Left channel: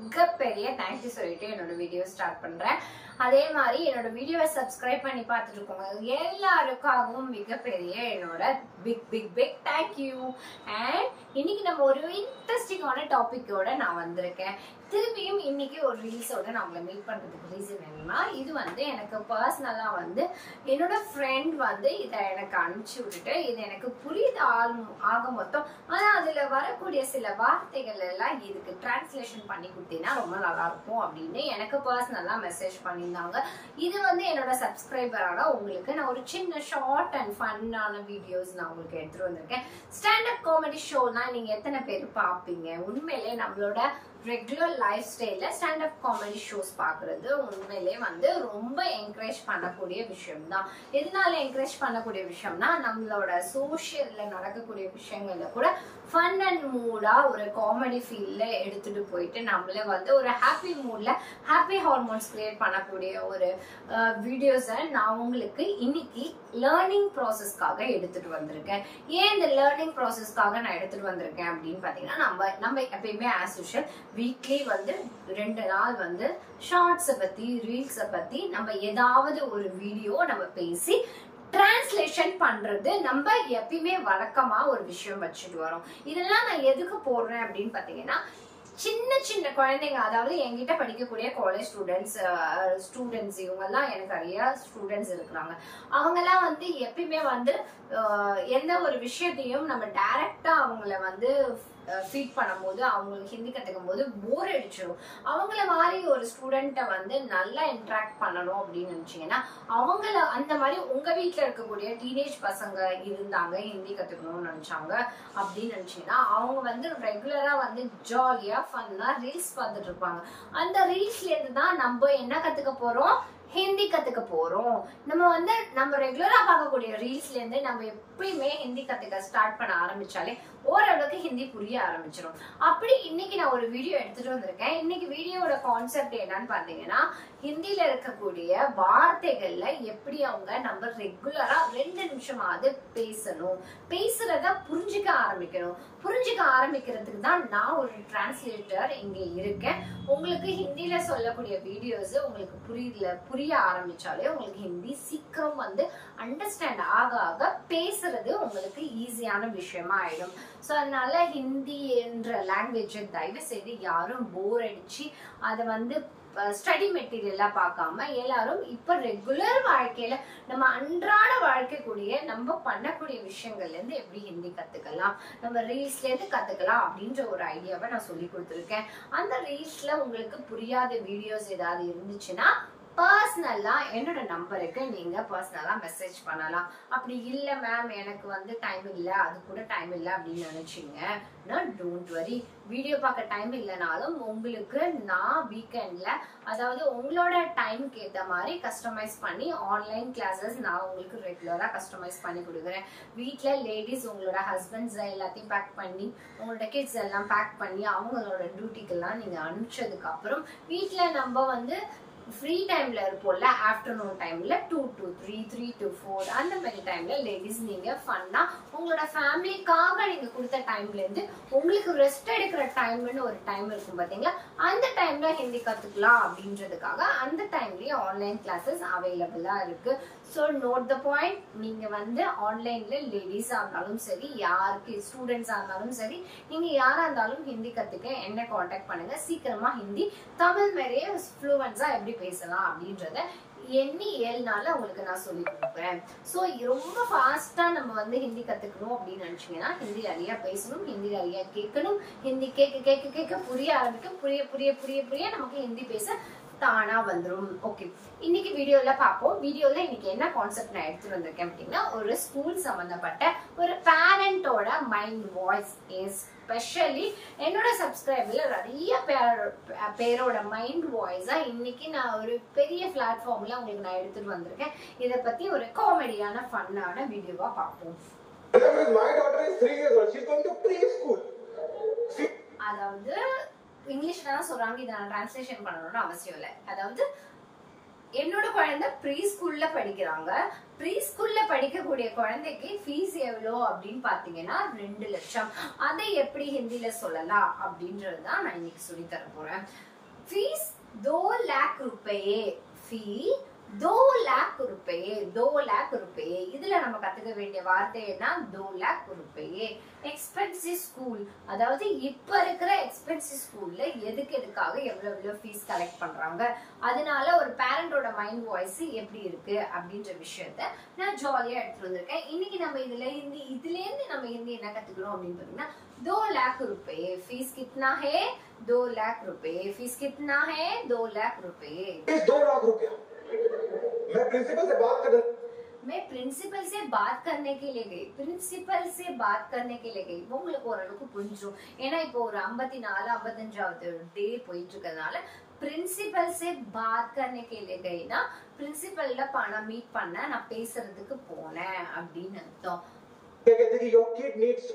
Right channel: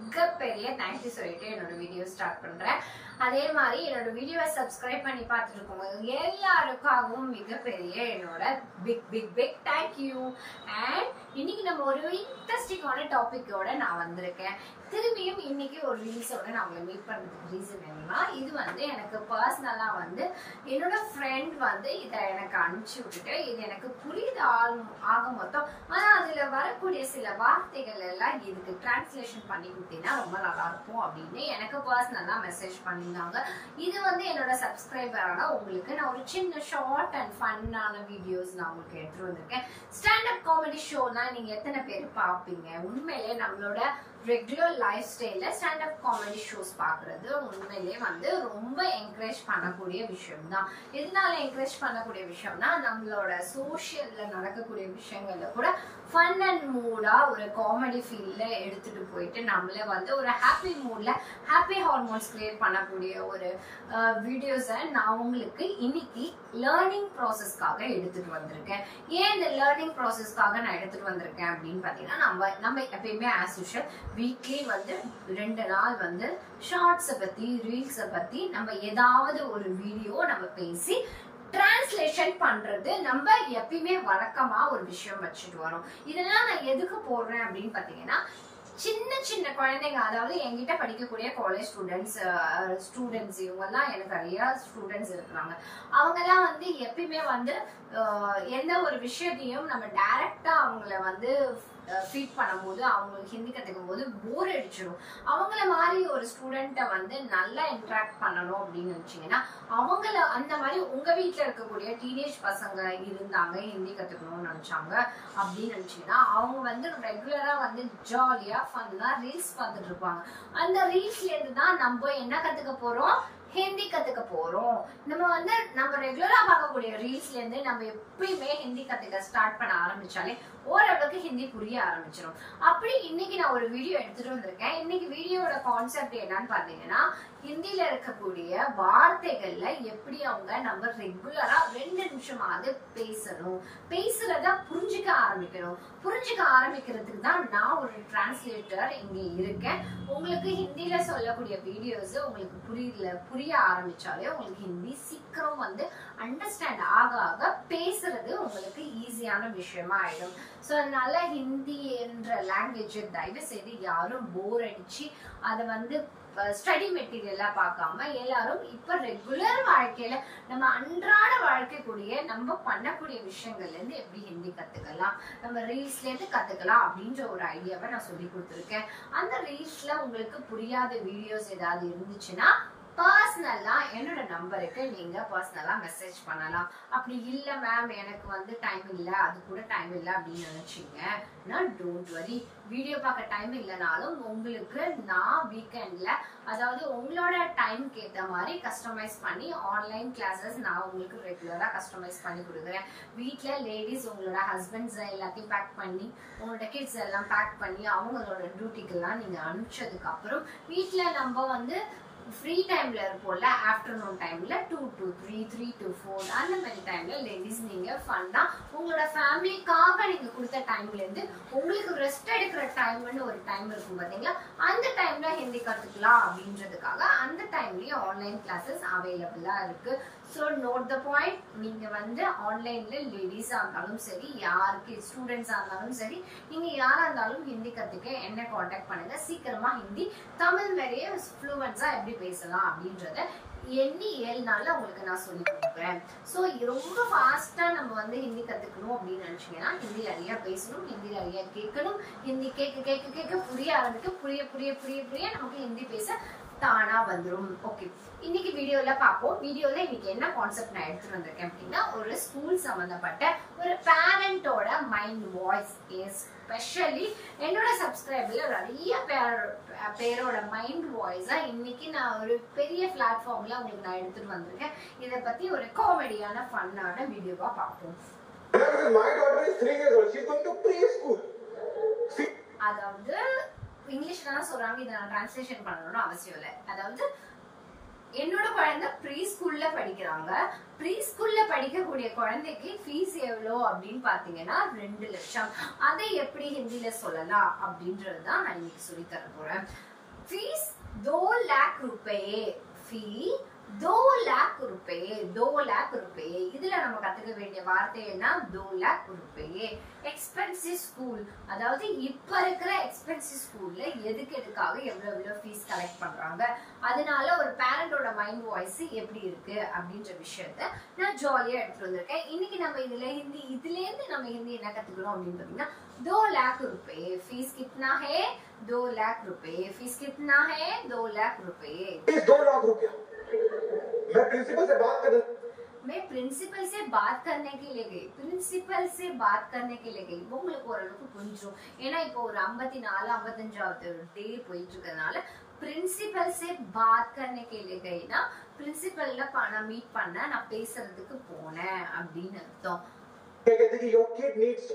மிகப்பெரிய தேங்க்யூ சொல்லிட்டு என்னோட வீடியோ ஸ்டார்ட் பண்றேன். அதே மாதிரி என்னோட வீடியோவை சப்ஸ்கிரைப் பண்ணி பார்த்துட்டு இருக்கோங்க எல்லாருக்காகவும் மிகப்பெரிய என்னோட big big big thank you. And இன்னைக்கு நம்ம ஒரு இன்ட்ரெஸ்டிங்கான டாபிக்கோட நான் வந்திருக்கேன். திரும்பியும் இன்னைக்கு ஒரு ரீல்ஸோட நான் உங்களை மீட் பண்றதுக்கு ரீசன் என்னன்னா, இது எனக்கு பர்சனலா என்னோட ஃப்ரெண்ட் இதை எனக்கு அனுப்பிச்சு விட்டுட்டு இது எனக்கு புரியுது ஆக மொத்தம். ஆனா அதுல வரக்கூடிய சில வார்த்தைகள் எல்லாம் இதுக்கு டிரான்ஸ்லேஷன் பண்ணி கொடுத்தீங்கன்னா ரொம்ப நல்லா இருக்கும் அப்படின்னு எனக்கு பர்சனலா மெசேஜ் பண்ணியிருந்தாங்க. இது என்னோட சப்ஸ்கிரைபரான உங்களுக்கு நான் ஒரு சின்ன ஷார்ட் அண்ட் ஃபன்னான வீடியோஸ் நான் உங்களுக்கு எடுத்துட்டு வந்திருக்கேன். ஸ்டாண்டப் காமெடி ஷோனா நீங்க எத்தனை பேர் பாப்பீங்க? உண்மையிலே நம்மளோட ரெகுலர் லைஃப் ஸ்டைல்ல ஸ்டாண்டப் காமெடி ஷோஸ் பாக்குறது உண்மையிலே ரொம்ப என்கரேஜ் பண்ணக்கூடிய விஷயம் தான். எதனால என்கரேஜ் பண்ணக்கூடிய விஷயம்னா, நம்மளோட சோசியல்ல நடக்கக்கூடிய விஷயங்கள்ல கூட ஃபன் அண்ட் மூடா ஒரு காமெடி ஃபீல்ல எடுத்துட்டு போயிட்டு நம்மளே ஒரு ஹாப்பி மூட்ல ஹாப்பி ஹார்மோன்ஸ் கிரியேட் பண்ணக்கூடிய ஒரு வீடியோஸை நான் உங்களுக்கு இன்னைக்கு லேர்னிங் ப்ராசஸ்க்காக எடுத்துட்டு வந்திருக்கேன். ஏன் இந்த லேர்னிங் ப்ராசஸ்க்காக நான் எடுத்துட்டு வந்திருக்கேன் அப்படின்னு பாத்தீங்கன்னா, நம்ம எப்பயுமே ஆஸ் யூஷுவல் வீக்லி 2 நாள் ஷார்ட்ஸை பத்தி ரீல்ஸை பத்தி நம்ம ஏதாவது ஒரு வீடியோ நம்ம பேசி டிரான்ஸ்லேஷன் பண்றது நம்ம எப்பயுமே வழக்கமா ஒரு விஷயம் வச்சுட்டு வரோம். இதெல்லாம் நான் எதுக்கு போடுறேன் அப்படின்னு பாத்தீங்கன்னா, சின்ன சின்ன குழந்தைங்க, அதாவது என்கிட்ட படிக்கக்கூடிய காலேஜ் ஸ்டூடெண்ட்ஸ் இவங்க எல்லாம் எனக்கு நிறைய ஸ்டூடெண்ட்ஸ் இருக்கிறாங்க. அவங்க எல்லாம் எப்பயுமே எந்த ஒரு விஷயத்தையும் நம்ம டைரக்டா அவங்கள ஃபீட் பண்ணும்போது அவங்களுக்கு ஹிந்தி கத்துக்கும் போது போர் அடிச்சிடும். அவங்கள மாதிரி ஒரு ஸ்டூடெண்ட்டை நல்லா இன்ட்ராக்ட் பண்ணணும் அப்படின்னு நினைச்சீங்கன்னா, அவங்கள அந்த மாதிரி உங்க வீட்டுல இருக்கக்கூடிய டீனேஜ் பசங்க இருந்தாங்க ஹிந்தி கத்துக்கணும்னு நினைச்சாங்க அப்படின்னு நினைச்சீங்கன்னா, அவங்க ரெகுலரா ஜாலியா ஃபன்னா ரீல்ஸ் பார்த்துட்டு இருப்பாங்க. அந்த ரீல்ஸ்ல இருந்து தான் நம்ம என்ன கத்துக்க போறோம்? ஹிந்தி கத்துக்க போறோம். நம்ம ரெகுலரா பார்க்கக்கூடிய ரீல்ஸ்ல இருந்து நம்ம எப்பயுமே ஹிந்தி கத்துக்க ஸ்டார்ட் பண்ண ஆரம்பிச்சாலே ஓரளவுக்கு ஹிந்தி புரிய ஆரம்பிச்சிடும். அப்படி இன்னைக்கு நான் ஒரு வீடியோ எடுத்துட்டு வந்திருக்கேன். இன்னைக்கு வீடியோட கான்செப்ட் என்னன்னு பாத்தீங்கன்னா, ஹிந்தில இருக்கக்கூடிய வார்த்தைகள்ல எப்படி நம்ம ரெகுலரா 2 நிமிஷமாவது பேசணும், பேசுறத புரிஞ்சுக்க ஆரம்பிக்கணும். புரிஞ்சுக்க ஆரம்பிக்கிறதுக்கு தான் நான் ஒரு டிரான்ஸ்லேட்டர் இங்க இருக்கேன். உங்களுக்கு ஹிந்தில சொல்லக்கூடிய வீடியோஸ் உங்களுக்கு புரிய ஆரம்பிச்சாலே உங்களுக்கு ஹிந்தி சீக்கிரம் அண்டர்ஸ்டாண்ட் ஆக பேசுறது உங்களுக்கு ஈஸியான விஷயமா ஆயிடும். சோ அதனால ஹிந்தி என்ற லாங்குவேஜ் தயவு செய்து யாரும் போர் அடிச்சு அதை ஸ்டடி மெட்டீரியலா பார்க்காம எல்லாரும் இப்ப ரெகுலர் வாழ்க்கையில நம்ம அன்றாட வாழ்க்கைக்கூடிய நம்ம பண்ணக்கூடிய விஷயங்கள்ல இருந்து எப்படி ஹிந்தி கத்துக்கலாம், நம்ம ரீல்ஸ்ல இருந்து கத்துக்கலாம் அப்படின்ற ஒரு ஐடியாவை நான் சொல்லி கொடுத்துருக்கேன். அந்த ரீல்ஸ்ல உங்களுக்கு புரியாத வீடியோஸ் ஏதாவது இருந்துச்சுன்னா பர்சனலா என்னோட நம்பருக்கு நீங்க பர்சனலா மெசேஜ் பண்ணலாம். அப்படி இல்ல மேம் எனக்கு டைம் இல்ல, அது கூட டைம் இல்ல அப்படின்னு நினைச்சீங்கன்னா டோன்ட் வரி. வீடியோ பார்க்க டைம் இல்லைனாலும் உங்களுக்கு நான் வீக்கெண்ட்ல, அதாவது உங்களோட டைமுக்கு ஏற்ற மாதிரி கஸ்டமைஸ் பண்ணி ஆன்லைன் கிளாஸஸ் நான் உங்களுக்கு ரெகுலரா கஸ்டமைஸ் பண்ணி கொடுக்குறேன். வீட்டுல லேடிஸ் உங்களோட ஹஸ்பண்ட்ஸ் எல்லாத்தையும் பேக் பண்ணி உங்களோட கிட்ஸ் எல்லாம் பேக் பண்ணி அவங்களோட டியூட்டிக்கெல்லாம் நீங்க அனுப்பிச்சதுக்கு அப்புறம் வீட்டுல நம்ம ஃப்ரீ டைம்ல இருப்போம்ல, ஆஃப்டர்நூன் டைம்ல 2 to 3, 3 to 4 அந்த மாதிரி டைம்ல லேடிஸ் நீங்க ஃபன்னா உங்களோட ஃபேமிலிக்காக நீங்க கொடுத்த டைம்ல இருந்து உங்களுக்கு ரெஸ்ட் எடுக்கிற டைம்னு ஒரு டைம் இருக்கும் பாத்தீங்களா, அந்த டைம்ல ஹிந்தி கத்துக்கலாம் அப்படின்றதுக்காக அந்த டைம்லயும் ஆன்லைன் கிளாஸஸ் அவைலபிளா இருக்கு. So note the point. நீங்க ஆன்லைன்ல லேடிஸா இருந்தாலும் சரி, யாருக்கு ஸ்டூடெண்ட்ஸா இருந்தாலும் சரி, நீங்க யாரா இருந்தாலும் ஹிந்தி கத்துக்க என்ன கான்டாக்ட் பண்ணுங்க. சீக்கிரமா ஹிந்தி தமிழ் மாதிரியே ஃப்ளூவன்ஸா எப்படி பேசலாம் அப்படின்றத எண்ணி 7 நாள்ல உங்களுக்கு நான் சொல்லி கொடுப்பேன். சோ ரொம்ப ஃபாஸ்டா நம்ம ஹிந்தி கத்துக்கணும் அப்படின்னு நினைச்சீங்கன்னா, ஹிந்தி நிறைய பேசணும், ஹிந்தி நிறைய கேட்கணும். ஹிந்தி கேட்க புரிய ஆரம்பிக்கும். புரிய நமக்கு ஹிந்தி பேச தானா வந்துடும். ஓகே, இன்னைக்கு வீடியோல பாப்போம். வீடியோல இன்னைக்கு என்ன கான்செப்ட் நான் எடுத்துட்டு வந்திருக்கேன் அப்படின்னா, ஒரு ஸ்கூல் சம்பந்தப்பட்ட ஒரு பேரண்டோட மைண்ட் வாய்ஸ், எஸ்பெஷலி என்னோட சப்ஸ்கிரைபர்ல நிறைய பேரோட மைண்ட் வாய்ஸா இன்னைக்கு நான் ஒரு பெரிய பிளாட்ஃபார்ம்ல உங்களுக்கு நான் எடுத்துட்டு வந்திருக்கேன். இதை பத்தி ஒரு காமெடியான ஃபன்னான வீடியோவா பார்ப்போம். அதாவது இங்கிலீஷ்ல தான் சொல்றாங்க, இதை நான் டிரான்ஸ்லேஷன் பண்ணணும்னு அவசியம் இல்லை. அதாவது என்னோட குழந்தை ப்ரீ ஸ்கூல்ல படிக்கிறாங்க. ப்ரீ ஸ்கூல்ல படிக்கக்கூடிய குழந்தைக்கு ஃபீஸ் எவ்வளோ அப்படின்னு பாத்தீங்கன்னா 2 லட்சம். அதை எப்படி ஹிந்தில சொல்லலாம் அப்படின்றதுதான் நான் இன்னைக்கு சொல்லி தர போறேன். ஃபீஸ் 2 लाख रुपए. ஃபீ 2 लाख रुपए. 2 लाख रुपए. இதுல நம்ம கத்துக்க வேண்டிய வார்த்தை என்ன? 2 लाख रुपए. எக்ஸ்பென்சிவ் ஸ்கூல், அதாவது இப்ப இருக்கிற எக்ஸ்பென்சிவ் ஸ்கூல்ல எதுக்காக எவ்வளவு ஃபீஸ் கலெக்ட் பண்றாங்க, அதனால ஒரு பேரண்டோட மைண்ட் வாய்ஸ் எப்படி இருக்கு அப்படின்ற விஷயத்த நான் ஜாலியா எடுத்துட்டு வந்திருக்கேன். இன்னைக்கு நம்ம இதுல இருந்து நம்ம ஹிந்தி என்ன கத்துக்கணும் அப்படின்னு பாத்தீங்கன்னா 2 लाख रुपए. फीस कितना है? 2 लाख रुपए. फीस कितना है? 2 लाख रुपए. 2 लाख रुपया. मैं प्रिंसिपल से बात कर मैं प्रिंसिपल से बात करने के लिए गई. प्रिंसिपल से बात करने के लिए गई. உங்களுக்கு ஓரளவுக்கு புரிஞ்சும். ஏன்னா இப்போ ஒரு 54 55வது டே போயிட்டு இருக்கறனால प्रिंसिपल से बात करने के लिए गई ना प्रिंसिपல்ல நான் மீட் பண்ண, நான் பேசுறதுக்கு போனேன் அப்படின்னு அர்த்தம். क्या कहते हैं कि your kid needs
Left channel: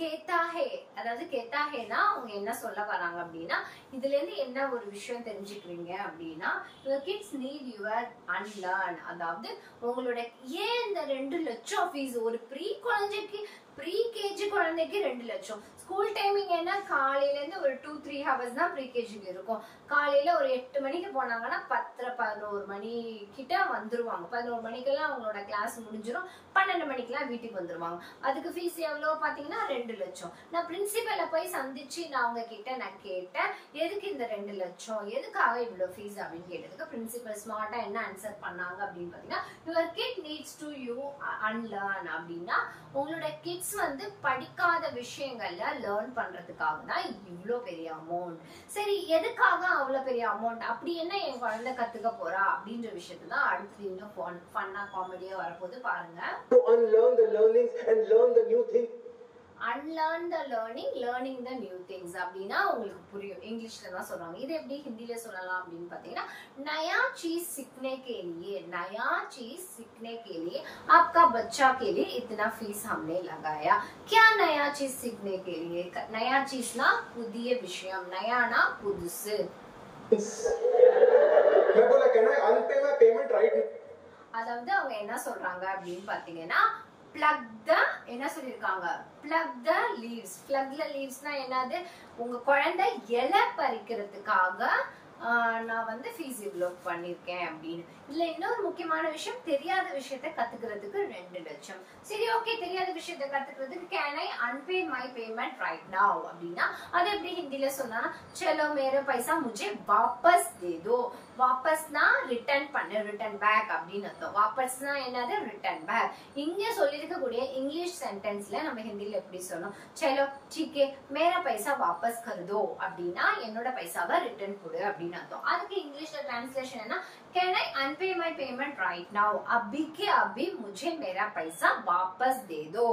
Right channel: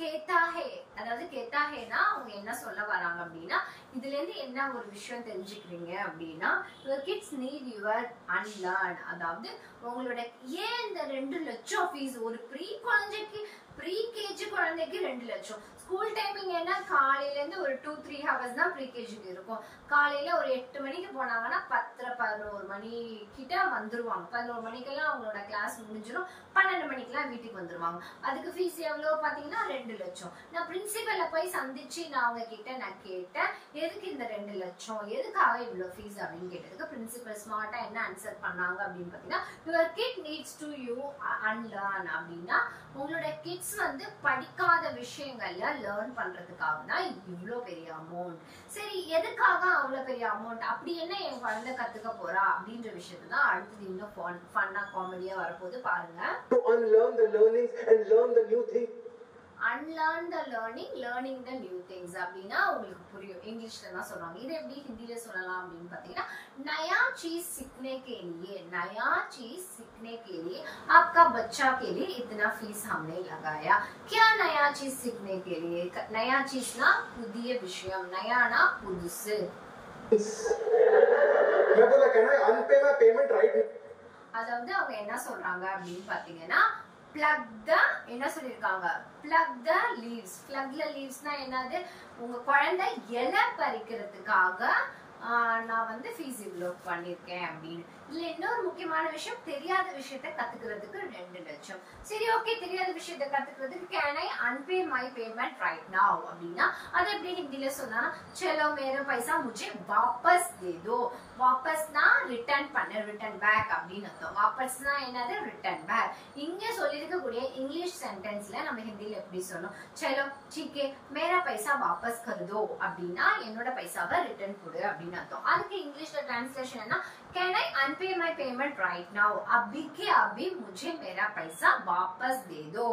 கேட்டா ஹே, அதாவது கேட்டா ஹேனா அவங்க என்ன சொல்ல வராங்க அப்படின்னா இதுல இருந்து என்ன ஒரு விஷயம் தெரிஞ்சுக்கிறீங்க அப்படின்னா your kids need your unlearn. அதாவது உங்களோட ஏன் இந்த 2 லட்சம் ஃபீஸ் ஒரு ப்ரீ கேஜி குழந்தைக்கு 2 லட்சம். ஸ்கூல் டைமிங் என்ன, காலையில இருந்து ஒரு 2-3 ஹவர்ஸ் தான் ப்ரீ கேஜிக்கு இருக்கும். காலையில ஒரு 8 மணிக்கு போனாங்கன்னா 10-11 மணி கிட்ட வந்துருவாங்க. 11 மணிக்கெல்லாம் அவங்களோட கிளாஸ் முடிஞ்சிடும். 12 மணிக்கெல்லாம் வீட்டுக்கு வந்துருவாங்க. அதுக்கு ஃபீஸ் எவ்வளவு பாத்தீங்கன்னா 2 லட்சம். நான் பிரின்சிபலை போய் சந்திச்சு நான் அவங்க கிட்ட நான் கேட்டேன், எதுக்கு இந்த 2 லட்சம், எதுக்காக இவ்வளவு ஃபீஸ் அப்படின்னு கேட்டதுக்கு பிரின்சிபல் ஸ்மார்ட்டா என்ன ஆன்சர் பண்ணாங்க அப்படின்னு பாத்தீங்கன்னா your kid needs to you unlearn. அப்படின்னா உங்களோட கிட்ஸ் படிக்காத விஷயங்கள்ல லேர்ன் பண்றதுக்காக தான் இவ்வளவு பெரிய அமௌண்ட். சரி, எதுக்காக அவ்வளவு பெரிய அமௌண்ட், அப்படி என்ன என் குழந்தை கத்துக்க போறா அப்படின்ற விஷயத்தை தான் அடுத்து இன்னும் ஃபன்னா காமெடியா வரப்போது பாருங்க. to unlearn the learnings and learn the new things. unlearn the learning the new things அப்படின்னா உங்களுக்கு புரியும். இங்கிலீஷ்ல தான் சொல்றாங்க. இது எப்படி ஹிந்தில சொல்லலாம் அப்படின்னு பாத்தீங்கன்னா नया चीज सीखने के लिए आपका बच्चा के लिए इतना फीस हमने लगाया. क्या नया चीज सीखने के लिए? नया चीज ना புதிய விஷயம், नया ना புதுசு. मैं बोला कहना है अनपे में पेमेंट राइट. அதாவது அவங்க என்ன சொல்றாங்க அப்படின்னு பாத்தீங்கன்னா plug the என்ன சொல்லிருக்காங்க, plug the leaves. plug the leavesனா என்னது, உங்க குழந்தை இலை பறிக்கிறதுக்காக நான் ஃபீஸ் இவ்வளோ பண்ணிருக்கேன் அப்படின்னு. இதுல இன்னொரு முக்கியமான விஷயம், தெரியாத விஷயத்த கத்துக்கிறதுக்கு 2 லட்சம். சரி, ஓகே, தெரியாத விஷயத்த கத்துக்கிறதுக்கு கேன் ஐ அன்பே மை பேமெண்ட் ரைட் நவ் அப்படின்னா அது எப்படி ஹிந்தில சொல்லலாம், चलो मेरा पैसा मुझे वापस दे दो. வாபஸ்னா ரிட்டர்ன் பண்ண, ரிட்டர்ன் பேக் அப்படின்னு அர்த்தம். வாபஸ்னா என்னது, ரிட்டர்ன் பேக். இங்க சொல்லிருக்கக்கூடிய இங்கிலீஷ் சென்டென்ஸ்ல நம்ம ஹிந்தில எப்படி சொல்லணும், चलो ठीक है मेरा पैसा वापस कर दो அப்படின்னா என்னோட பைசாவை ரிட்டர்ன் கொடு அப்படின்னு அர்த்தம். அதுக்கு இங்கிலீஷ்ல டிரான்ஸ்லேஷன் என்ன, can I unpay my payment right now, अभी के अभी मुझे मेरा पैसा वापस दे दो.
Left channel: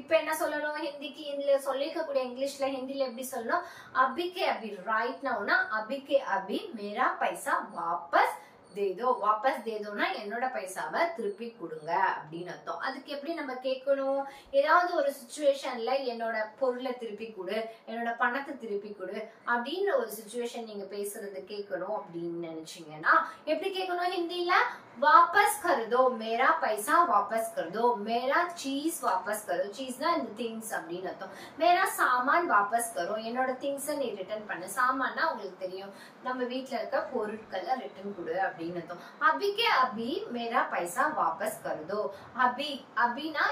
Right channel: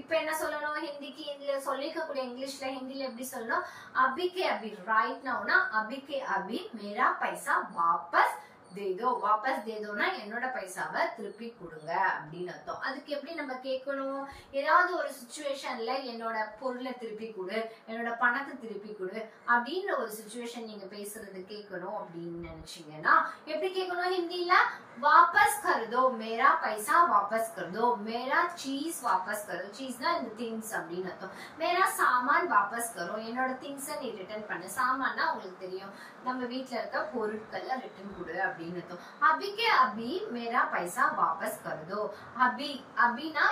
இப்ப என்ன சொல்லணும், ஹிந்திக்கு இதுல சொல்லிக்கக்கூடிய இங்கிலீஷ்ல ஹிந்தில எப்படி சொல்லணும், अभी के अभी राइट नाउ ना अभी के अभी मेरा पैसा वापस दे दो. वापस दे दो ना என்னோட பைசாவை திருப்பி கொடுங்க அப்படின்னு அர்த்தம். அதுக்கு எப்படி நம்ம கேட்கணும், ஏதாவது ஒரு சிச்சுவேஷன்ல என்னோட பொருளை திருப்பி கொடு, என்னோட பணத்தை திருப்பி கொடு அப்படின்ற ஒரு சிச்சுவேஷன் நீங்க பேசுறது கேட்கணும் அப்படின்னு நினைச்சீங்கன்னா எப்படி கேட்கணும் ஹிந்தில, वापस कर दो मेरा पैसा, वापस कर दो मेरा चीज, वापस करो. चीज ना இந்த திங்ஸ் அப்படின்னு அர்த்தம். मेरा सामान वापस करो, என்னோட திங்ஸை நீ ரிட்டர்ன் பண்ணு. சாமான்னா உங்களுக்கு தெரியும், நம்ம வீட்ல இருக்க பொருட்களை ரிட்டர்ன் கொடு அப்படின்னு அர்த்தம். अभी के अभी मेरा पैसा वापस कर दो. अभी अभीனா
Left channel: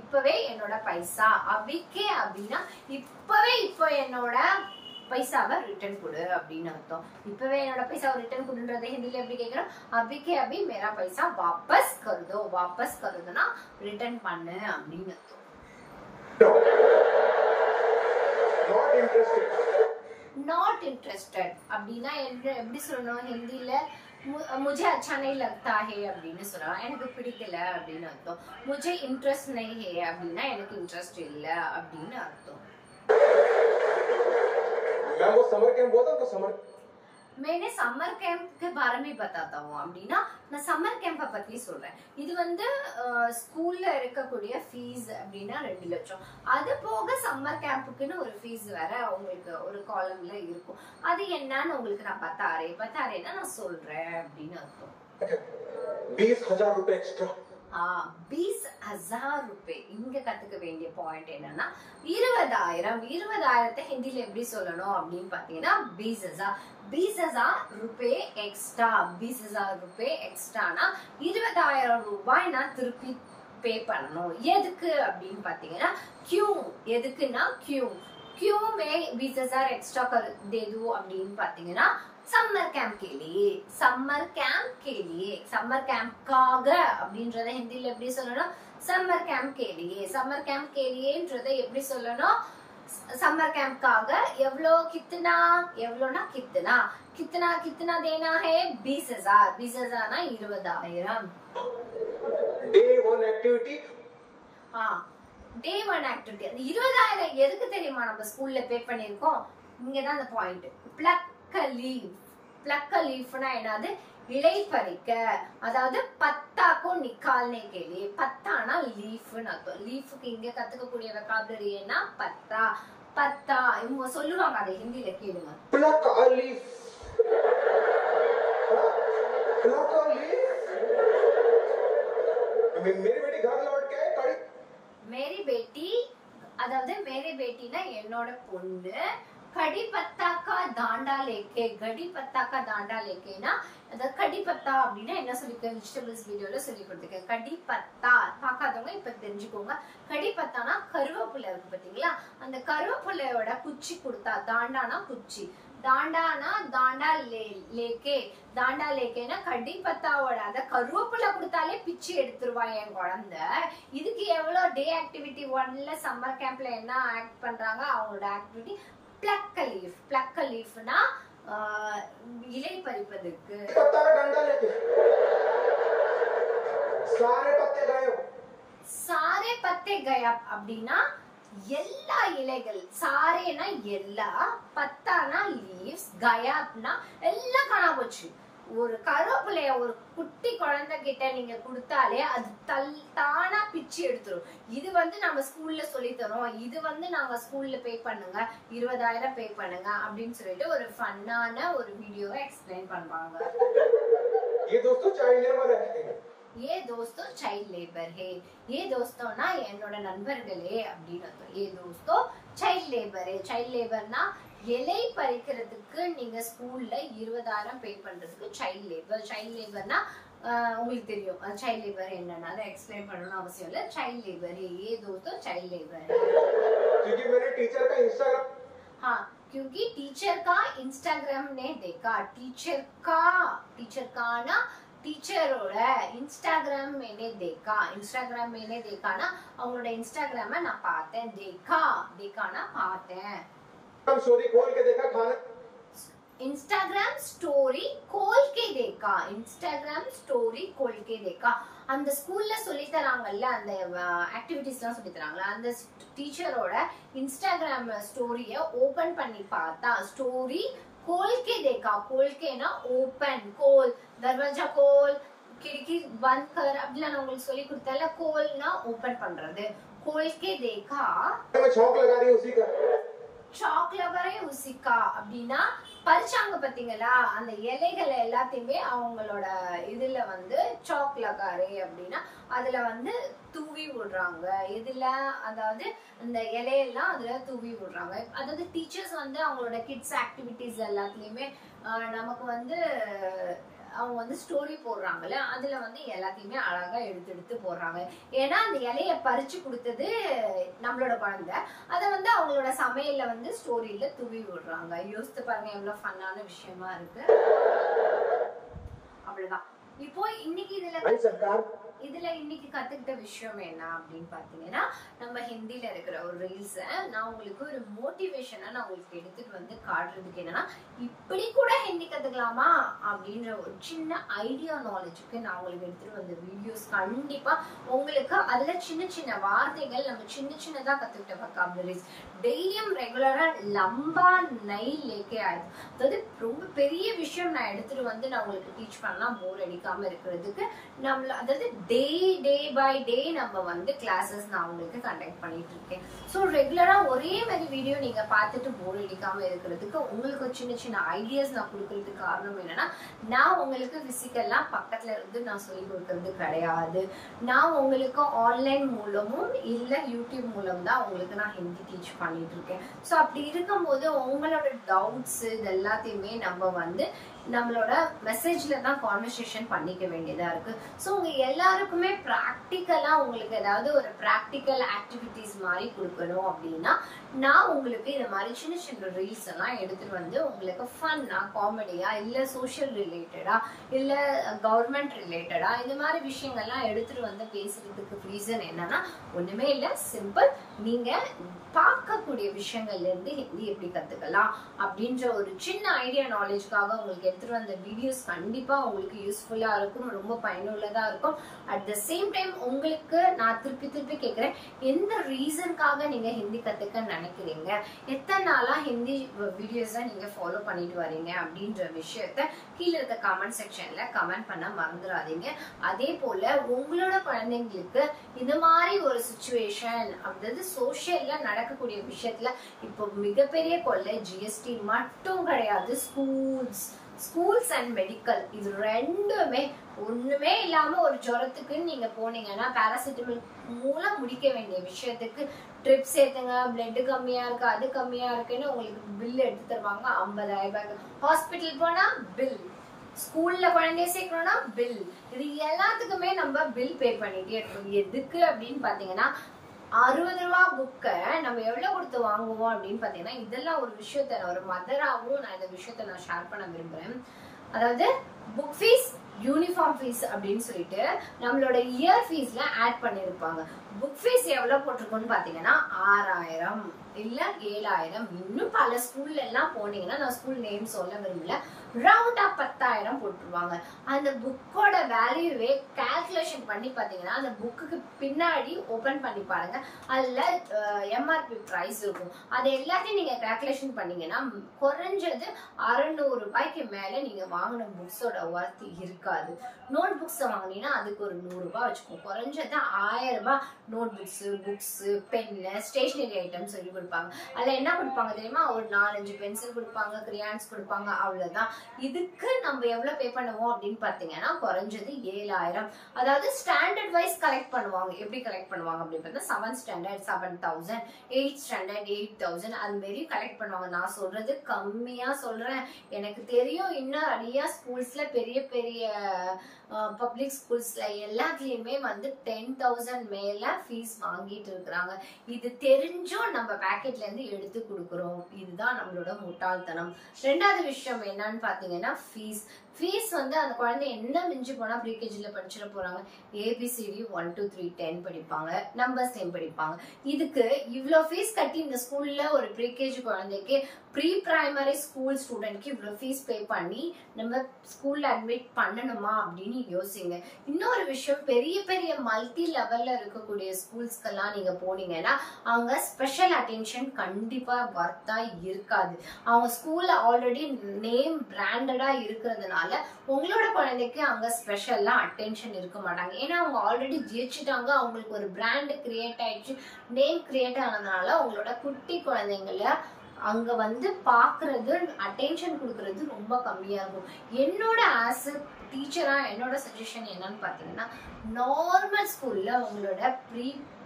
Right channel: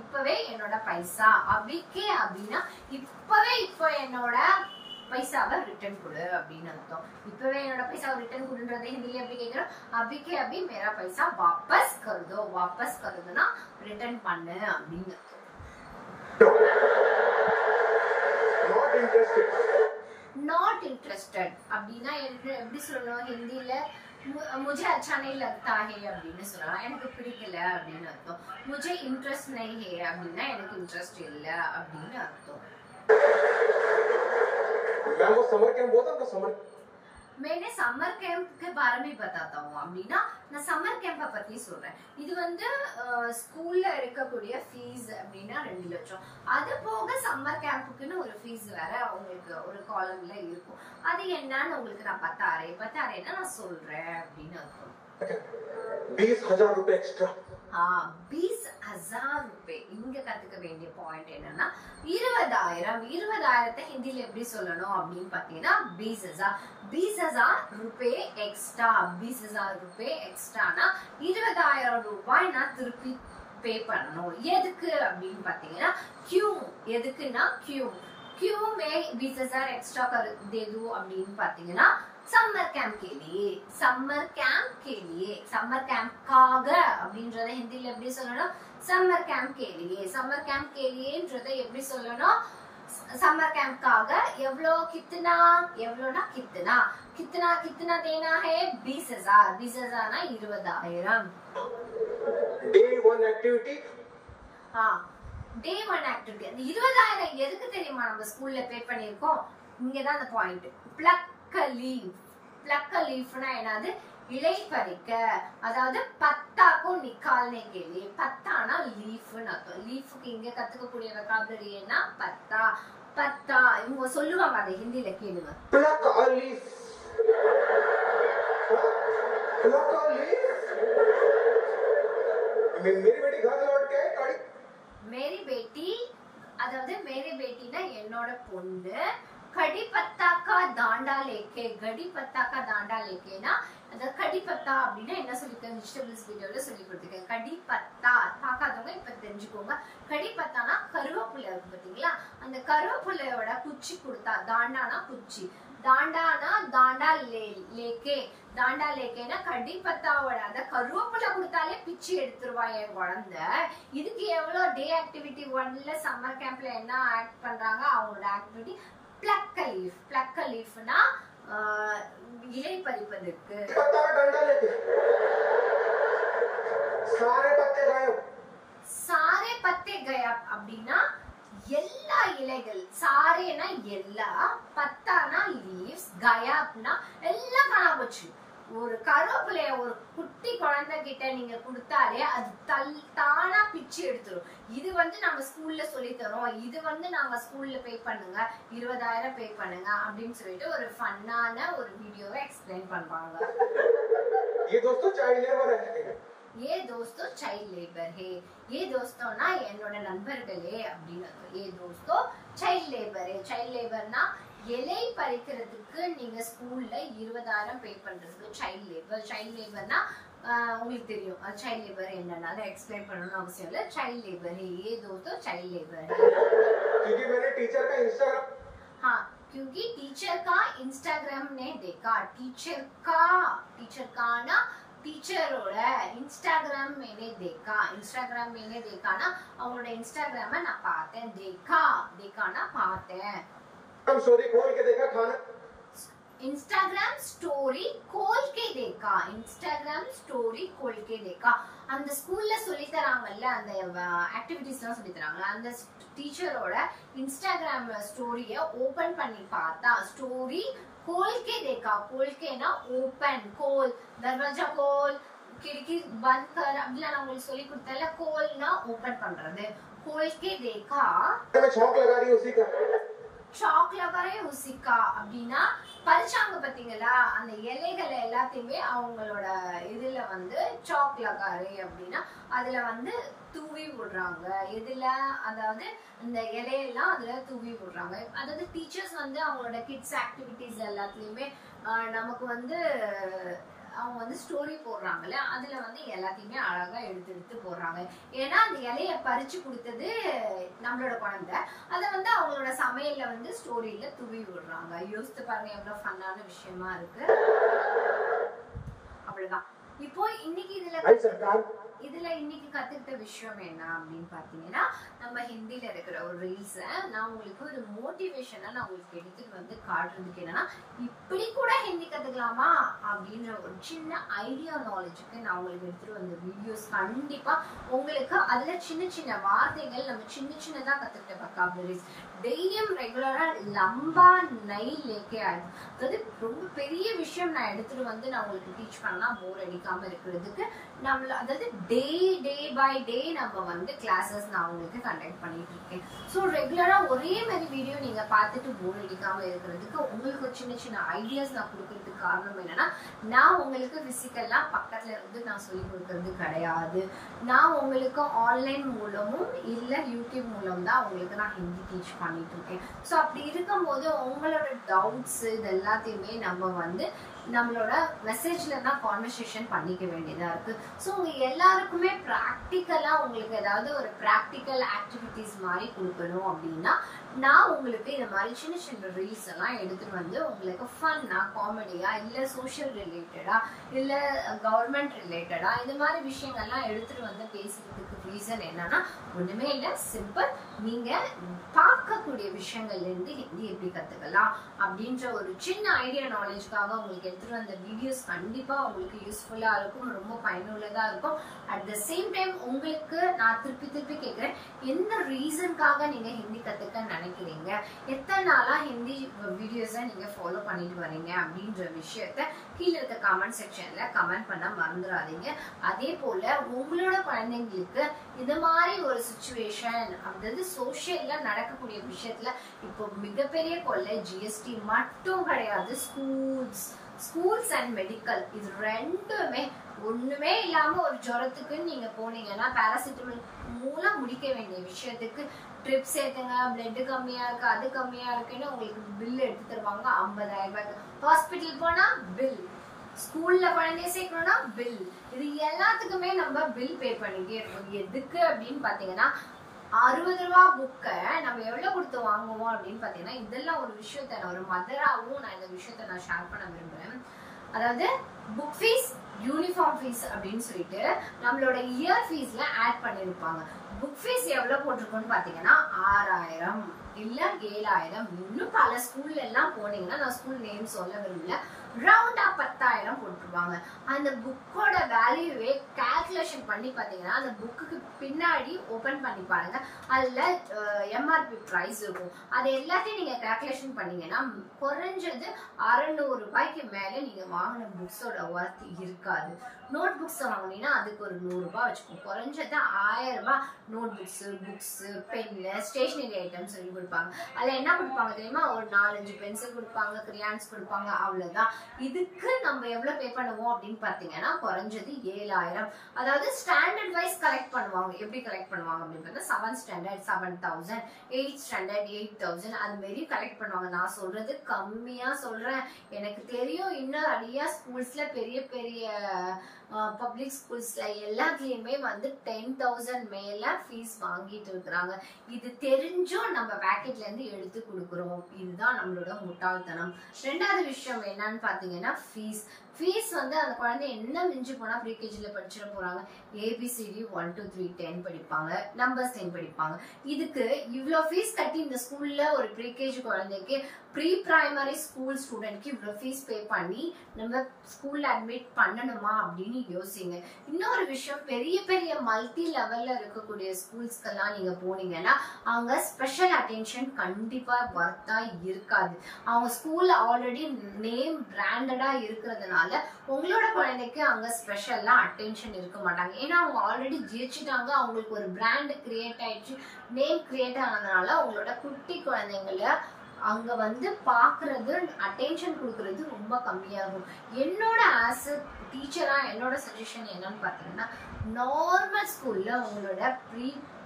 இப்பவே என்னோட பைசா, अभी के अभीனா இப்பவே என்னோட பைசாவை ரிட்டர்ன் கொடு அப்படின்னு அர்த்தம். இப்பவே என்னோட பைசாவை ரிட்டர்ன் கொடுன்றதை ஹிந்தில எப்படி கேக்குறோம், अभी के अभी मेरा पैसा वापस कर दो. वापस कर दोனா ரிட்டர்ன் பண்ணு அப்படின்னு அர்த்தம். not interested அப்படினா எப்படி சொல்லணும் ஹிந்தில, मुझे अच्छा नहीं लगता है அப்படின்னு சொல்லலாம், எனக்கு பிடிக்கல அப்படின்னு அர்த்தம். मुझे इंटरेस्ट नहीं है அப்படினா எனக்கு இன்ட்ரஸ்ட் இல்ல அப்படின்னு அர்த்தம். मैं वो समर कैंप बोलता हूँ, समर मैंने समर कैंप के बारे में बताता हूँ அப்படின்னா நான் சம்மர் கேம்ப பத்தி சொல்றேன். இது வந்து ஸ்கூல்ல எடுக்கக்கூடிய ஃபீஸ் அப்படின்னா 2 லட்சம். அது போக சம்மர் கேம்புக்குன்னு ஒரு ஃபீஸ் வேற உங்களுக்கு ஒரு காலம்ல இருக்கும். அது என்னன்னு உங்களுக்கு நான் பத்தாரேன்னா நான் சொல்றேன் அப்படின்னு அர்த்தம். 20,000 रुपए एक्स्ट्रा. 20,000 रुपए. இங்க கத்துக்க வேண்டிய பாயிண்ட் என்னன்னா 20,000 ஹிந்தில எப்படி சொல்லணும் அப்படின்னு பாத்தீங்கன்னா 20,000 रुपए एक्स्ट्रा. 20,000 रुपए एक्स्ट्राனா 20,000 ரூபாய் நான் திருப்பி பே பண்ணணும். எதுக்கு அப்படின்னு பாத்தீங்கன்னா क्यों. எதுக்குன்னா क्यों मैं 20,000 एक्स्ट्रा कर दे दूं அப்படின்னு பாத்தீங்கன்னா समर कैंप के लिए समर कैंप काग அப்படின்றத ஹிந்தில எப்படி சொல்லணும் समर कैंप के लिएன்றத எப்படி சொல்லணும் समर कैंप काग எவ்வளோ எவ்வளோனா कितना देना है 20,000 ना 20,000. Day 1 activity. डे 1 एक्टिविटी 20,000 எதுக்கு தெரியுமா நம்ம ஸ்கூல்ல பே பண்ணிருக்கோம்? இங்க தான் அந்த பாயிண்ட். प्लक लीफना என்னது இலை பறிக்க. அதாவது பத்தாக்கு நிக்கால்னே கேலி. பத்தானா லீஃப்னு அர்த்தம். லீஃப்க்கு இங்க கத்துக்கக்கூடிய வெகாபுலரி என்ன பத்தா இவங்க சொல்லுவாங்க அதை ஹிந்தில கேளுங்க. Pluck leaf. Pluck leaf. मेरी बेटी घर लौट के कड़ी. मेरी बेटी அதாவது मेरी बेटीனா என்னோட பொண்ணு कड़ी पत्ता का दांडा लेके அத கடி பத்தா அப்படினா என்ன சொல்லிருக்கேன் வெஜிடபிள்ஸ் வீடியோல சொல்லி கொடுத்திருக்கேன். கடி பத்தா பார்க்காதவங்க இப்ப தெரிஞ்சுக்கோங்க. கடி பத்தானா கருவேப்பிலை இருக்கு பாத்தீங்களா, அந்த கருவேப்பிலையோட குச்சி கொடுத்தா தாண்டானா குச்சி, தாண்டானா தாண்டா லேக்கேனா கடி பத்தாவோட அத கருவேப்பிலை கொடுத்தாலே பிச்சு எடுத்துருவா என் குழந்தை. இதுக்கு எவ்வளவு டே ஆக்டிவிட்டி 1ல சம்மர் கேம்ப்ல என்ன ஆக்ட் பண்றாங்க அவங்களோட ஆக்டிவிட்டி प्लक लीफना இலை பறிப்பதற்கு. पत्ता का डंडा लेके सारे पत्ते गायब அப்படின்னா எல்லா இலைகள். சாரேனா எல்லா, பத்தானா லீவ்ஸ், கயாப்னா எல்லாம் காணா போச்சு. ஒரு கருவேப்பிலைய ஒரு குட்டி குழந்தை கிட்ட நீங்க கொடுத்தாலே அது தானா பிச்சு எடுத்துரும். இது வந்து நம்ம ஸ்கூல்ல சொல்லி தரோம். இது வந்து நாங்க ஸ்கூல்ல பே பண்ணுங்க 20,000 பே பண்ணுங்க அப்படின்னு சொல்லிட்டு ஒரு ஃபன்னான ஒரு வீடியோவை எக்ஸ்பிளைன் பண்றாங்க. ये दोस्तों चाइल्ड लेबर है. ये दोस्तों चाइल्ड लेबर है. ये दोस्तोंனா என்னோட நண்பர்களே அப்படின்னு அர்த்தம். ये दोस्तों चाइल्ड लेबर है. चाइल्ड लेबरனா இலை பறிக்கிறதுக்கு நீங்க ஸ்கூல்ல 20,000 பே பண்றதுக்கு சைல்ட் லேபர்னா உங்களுக்கு தெரியும் சைல்ட் லேபர் என்னன்னா அதை எக்ஸ்பிளைன் பண்ணணும்னு அவசியம் இல்ல. சைல்ட் லேபர் ये दोस्तों चाइल्ड लेबर है. क्योंकि मैंने टीचर का इंस्टाग्राम क्योंकि टीचर का इंस्टाग्राम ने देखा. टीचर का ना टीचरोட इंस्टाग्राम मैंने देखा அவங்களோட இன்ஸ்டாகிராம நான் பார்த்தேன். देखाனா பார்த்தேன். स्टोरी खोल के देखा खाना. इंस्टाग्राम स्टोरी खोल के देखा. அந்த ஸ்கூல்ல சொல்லி தராங்கல்ல அந்த ஆக்டிவிட்டீஸ்லாம் சொல்லி தராங்கல அந்த டீச்சரோட இன்ஸ்டாகிராம் ஸ்டோரிய ஓபன் பண்ணி பார்த்தா. ஸ்டோரி खोल के देखा. खोल के ना ओपन, खोल दरवाजा खोल, खिड़की बंद कर அப்படிலாம் நான் உங்களுக்கு சொல்லி கொடுத்தேன்ல. खोलனா ஓபன் பண்றது. खोल के देखा. मैं चौक लगा रही उसी का. சாக் லவரே உசிகா அப்படின்னா பறிச்சாங்க பாத்தீங்களா அந்த இலைகளை எல்லாத்தையுமே அவங்களோட இதுல வந்து சாக் லகாரே அப்படின்னா அதுல வந்து தூவி விடுறாங்க. இதுல அதாவது இந்த இலையெல்லாம் அதுல தூவி விடுறாங்க. அதாவது டீச்சர்ஸ் வந்து அவங்களோட கிட்ஸ் ஆக்டிவிட்டிஸ் எல்லாத்துலயுமே நமக்கு வந்து அவங்க வந்து ஸ்டோரி போடுறாங்கல்ல அதுல வந்து எல்லாத்தையுமே அழகா எடுத்து போடுறாங்க. ஏன்னா அந்த இலைய பறிச்சு கொடுத்தது நம்மளோட குழந்தை. அத வந்து அவங்களோட சமையல்ல வந்து ஸ்டோரியில தூவி விடுறாங்க. யோசித்து பாருங்க எவ்வளவு ஃபன்னான விஷயமா இருக்கு. அவ்வளவுதான். இப்போ இன்னைக்கு இதுல இதுல இன்னைக்கு கத்துக்கிட்ட விஷயம் என்ன அப்படின்னு பாத்தீங்கன்னா, நம்ம ஹிந்தில இருக்கிற ஒரு ரீல்ஸ நான் உங்களுக்கு ஒரு மோட்டிவேஷனா நான் உங்களுக்கு எடுத்துட்டு வந்து காட்டுறதுக்கு என்னன்னா, இப்படி கூட ஹிந்தி கத்துக்கலாமா அப்படின்ற ஒரு சின்ன ஐடியா நாலேஜுக்கு நான் உங்களுக்கு எடுத்துட்டு வந்த வீடியோஸ் கண்டிப்பா உங்களுக்கு அதுல சின்ன சின்ன வார்த்தைகள் நம்ம சின்ன சின்னதா கத்துக்கிட்ட வொக்காபுலரிஸ் டெய்லியும் ரெகுலரா லம்பா நெய் லேக்கே ஆயிடும். அதாவது ரொம்ப பெரிய விஷயம் நான் எடுத்துட்டு வந்து நான் உங்களுக்கு டீச் பண்ணா போர் அடிக்காம இருக்கிறதுக்கு நம்மள அதாவது டே பை டே நம்ம வந்து கிளாஸஸ் நான் உங்களுக்கு கண்டக்ட் பண்ணிட்டு இருக்கேன். ஸோ ரெகுலரா ஒரே மாதிரி வீடியோ நீங்க பார்த்துட்டு போர் அடிக்காம இருக்கிறதுக்கு உங்களுக்கு சின்ன சின்ன ஐடியாஸ் நான் கொடுக்கறதுக்கு காரணம் என்னன்னா, நான் உங்களுக்கு பிசிக்கலா பக்கத்துல இருந்து நான் சொல்லி கொடுக்கறது கிடையாது. நான் உங்களுக்கு ஆன்லைன் மூலமும் இல்ல யூடியூப் மூலம் தான் உங்களுக்கு நான் ஹிந்தி டீச் பண்ணிட்டு இருக்கேன். ஸோ அப்படி இருக்கும்போது உங்களோட டவுட்ஸ் இது எல்லாத்தையுமே நம்ம வந்து நம்மளோட மெசேஜ்ல தான் கான்வர்சேஷன் பண்ணிக்க வேண்டியதா இருக்கு. ஸோ உங்க எல்லாருக்குமே ப்ராக்டிக்கலா உங்களுக்கு ஏதாவது ஒரு ப்ராக்டிக்கல் ஆக்டிவிட்டிஸ் மாதிரி கொடுக்கணும் அப்படின்னா நான் உங்களுக்கு இந்த மாதிரி சின்ன சின்ன ரீல்ஸ் எல்லாம் எடுத்துட்டு வந்து உங்களுக்கு ஃபன்னா காமெடியா இல்ல சோஷியல் ரிலேட்டடா இல்ல கவர்மெண்ட் ரிலேட்டடா இந்த மாதிரி விஷயங்கள்லாம் எடுத்துட்டு வந்து பேசுறதுக்கு ரீசன் என்னன்னா ஒண்ணுமே இல்ல, சிம்பிள். நீங்க பார்க்கக்கூடிய விஷயங்கள்ல இருந்து ஹிந்தி எப்படி கத்துக்கலாம் அப்படின்ற ஒரு சின்ன ஐடியா நாலேஜ்க்காக உங்களுக்கு எடுத்துட்டு வந்த வீடியோஸ் கண்டிப்பா உங்களுக்கு யூஸ்ஃபுல்லா இருக்கும், ரொம்ப பயனுள்ளதா இருக்கும். அட் த சேம் டைம் உங்களுக்கு நான் திருப்பி கேட்கிறேன், எந்த ரீசனுக்காக நீங்க ஹிந்தி கத்துக்க நினைக்கிறீங்க, எத்தனை நாளா ஹிந்தி வீடியோஸை நீங்க ஃபாலோ பண்ணிட்டு வரீங்க அப்படின்ற விஷயத்த கீழே இருக்க கமெண்ட் செக்ஷன்ல கமெண்ட் பண்ண மறந்துடாதீங்க. அதே போல உங்களோட குழந்தைங்களுக்கு இந்த மாதிரி ஒரு சிச்சுவேஷன் அதாவது சோஷியல்ல நடக்கக்கூடிய விஷயத்துல இப்போ மிகப்பெரிய கொள்ளை ஜிஎஸ்டி மட்டும் கிடையாது, ஸ்கூல்ஸ் அண்ட் மெடிக்கல் இது ரெண்டுமே ஒண்ணுமே இல்லாம ஒரு ஜுரத்துக்கு நீங்க போனீங்கன்னா பாராசிட்டமல் மூலம் முடிக்க வேண்டிய விஷயத்துக்கு ட்ரிப்ஸ் ஏத்துங்க, பிளட் கம்மியா இருக்கு அது கம்மியா இருக்குன்னு உங்களுக்கு பில் எடுத்து தருவாங்க 50,000 ரூபாய்க்கு. ஹாஸ்பிட்டல் போனா பில், ஸ்கூல்ல குழந்தைய சேர்க்கணும்னா பில், இது எல்லாத்துக்குமே நம்ம பில் பே பண்ணிட்டே இருக்கோம். எதுக்கு அப்படின்னு பாத்தீங்கன்னா 60 ரூபா புக்கை நம்ம எவ்வளவு கொடுத்து வாங்குவோம் அப்படின்னு பாத்தீங்கன்னா, இதெல்லாம் ஒரு விஷயத்த ஒரு மதராவும் நான் இந்த விஷயத்த நான் ஷேர் பண்ண விரும்புறேன். அதாவது புக் ஃபீஸ், யூனிஃபார்ம் ஃபீஸ் அப்படின்னு சொல்லிட்டு நம்மளோட இயர் ஃபீஸ்ல ஆட் பண்ணிருப்பாங்க. புக் ஃபீஸ் எவ்வளவு போட்டிருக்கோம்னு பாத்தீங்கன்னா 6000 இல்ல 7000. இன்னும் பல ஸ்கூல்ல எல்லாம் போனீங்கன்னா நான் ஸ்கூல் நேம் சொல்ல விரும்பல, ரவுண்டா 10,000 போட்டுருவாங்க. அந்த புக்கோட வேல்யூவே கால்குலேஷன் பண்ணி பாத்தீங்கன்னா அந்த புக்குக்கு பின்னாடி ஓபன் பண்ணி பாருங்க, அதுல எம்ஆர்பி பிரைஸ் இருக்கும். அது எல்லாத்தையும் நீங்க கால்குலேஷன் பண்ணீங்கன்னா குறைஞ்சது 600 ரூபாய்க்கு மேல நீங்க வாங்கின புக்ஸோட ஒர்த் இருக்காது. நோட் புக்ஸ் வாங்கினீங்கன்னா அதுக்கு ஒரு 100 ரூபாய் வச்சுக்கோங்க. குறைஞ்சது 1000 ரூபாய் notebooks, pen, stationery item சொல்லி கொடுப்பாங்க. அதுல என்ன கொடுப்பாங்க தெரியுமா, ஒரு 4-5 பென்சில் கொடுப்பாங்க, கிரியான்ஸ் கொடுப்பாங்க, அவ்வளவுதான். இதுக்கு நம்ம எவ்வளவு பே பண்ணுவோம் அப்படின்னு பாத்தீங்கன்னா குறைஞ்சது 7000. அதாவது ஸ்டாண்டர்ட் வைஸ் கலெக்ட் பண்ணுவாங்க. எப்படி கலெக்ட் பண்ணுவாங்க அப்படின்னு பார்த்தா 7th ஸ்டாண்டர்ட் 7,000, 8th ஸ்டாண்டர்ட் 8,000 அது மாதிரி கலெக்ட் பண்ணுவாங்க. நான் சொல்றது கம்மியா சொல்றேன், எனக்கு தெரியும். இன்னும் நிறைய ஸ்கூல்ஸ்ல பெரிய பெரிய பப்ளிக் ஸ்கூல்ஸ்ல எல்லாத்துலயுமே வந்து 10,000 மேல ஃபீஸ் வாங்கிட்டு இருக்கிறாங்க. இது தெரிஞ்சும் நம்ம பேக்கெட்ல இருந்து எடுத்து கொடுக்குறோம். இதுதான் நம்மளோட முட்டாள்தனம். ரெண்டாவது விஷயம் என்னன்னு பாத்தீங்கன்னா ஃபீஸ் வந்து அந்த குழந்தை என்ன மிஞ்சி போனா ப்ரீகேஜில படிச்சிட போறாங்க, ஏபிசிடி 1 2 3 10 படிப்பாங்க, நம்பர்ஸ் 10 படிப்பாங்க. இதுக்கு இவ்வளோ ஃபீஸ் கட்டி இந்த ஸ்கூல்ல ஒரு ப்ரீகேஜி குழந்தைக்கு ப்ரீ பிரைமரி ஸ்கூல் ஸ்டூடெண்ட்க்கு இவ்வளோ ஃபீஸ் பே பண்ணி நம்ம ஸ்கூல்ல அட்மிட் பண்ணணுமா அப்படின்னு யோசிங்க. இன்னொரு விஷயம், பெரிய பெரிய மல்டி லெவல்ல இருக்கக்கூடிய ஸ்கூல்ஸ்க்கெல்லாம் நீங்க போனீங்கன்னா அவங்க ஸ்பெஷல் அட்டென்ஷன் கண்டிப்பா வர்த்தா இருக்காது. அவங்க ஸ்கூல்ல ஆல்ரெடி நேம் பிராண்டடா இருக்கிறதுனால உங்களோட குழந்தைக்கு அங்க ஸ்பெஷலா அட்டென்ஷன் இருக்க மாட்டாங்க. ஏன்னா அவங்க ஆல்ரெடி ஜெயிச்சுட்டாங்க, அவங்களுக்கு ஒரு பிராண்ட் கிரியேட் ஆயிடுச்சு, நேம் கிரியேட் ஆனதுனால உங்களோட குட்டி குழந்தைங்கள அங்க வந்து பாக்குறது, அட்டென்ஷன் கொடுக்கறது ரொம்ப கம்மியாகும். என்னோட ஆஸ் அ டீச்சரா என்னோட சஜஷன் என்னன்னு பாத்தீங்கன்னா, நார்மல் ஸ்கூல்ல உங்களோட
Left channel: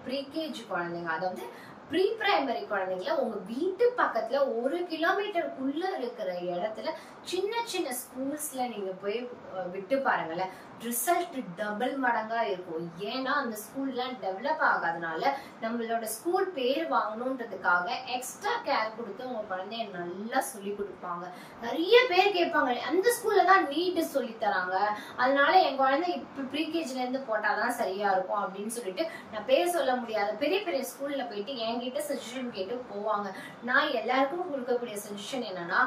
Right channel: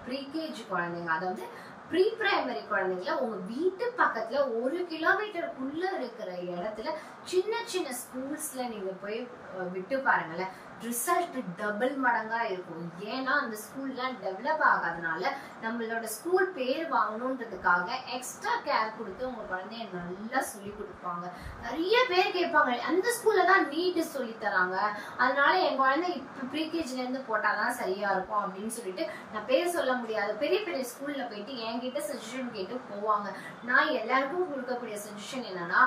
ப்ரீகேஜி குழந்தைங்க அதாவது ப்ரீ பிரைமரி குழந்தைங்கள உங்க வீட்டு பக்கத்துல 1 கிலோமீட்டருக்குள்ள இருக்கிற இடத்துல சின்ன சின்ன ஸ்கூல்ஸ்ல நீங்க போய் விட்டு பாருங்களேன். ரிசல்ட் டபுள் மடங்கா இருக்கும். ஏன்னா அந்த ஸ்கூல்லாம் டெவலப் ஆகாதனால நம்மளோட ஸ்கூல் பேர் வாங்கணுன்றதுக்காக எக்ஸ்ட்ரா கேர் கொடுத்து உங்க குழந்தைய நல்லா சொல்லி கொடுப்பாங்க. நிறைய பேர் கேட்பாங்க, அந்த ஸ்கூல்ல தான் நீட் சொல்லி தராங்க, அதனால என் குழந்தை இப்ப ப்ரீகேஜில இருந்து போட்டாதான் சரியா இருக்கும் அப்படின்னு சொல்லிட்டு நான் பேர் சொல்ல முடியாத பெரிய பெரிய ஸ்கூல்ல போயிட்டு என்கிட்ட சஜஷன் கேட்டு போவாங்க. நான் எல்லாருக்கும் கொடுக்கக்கூடிய சஜஷன் என்னன்னா,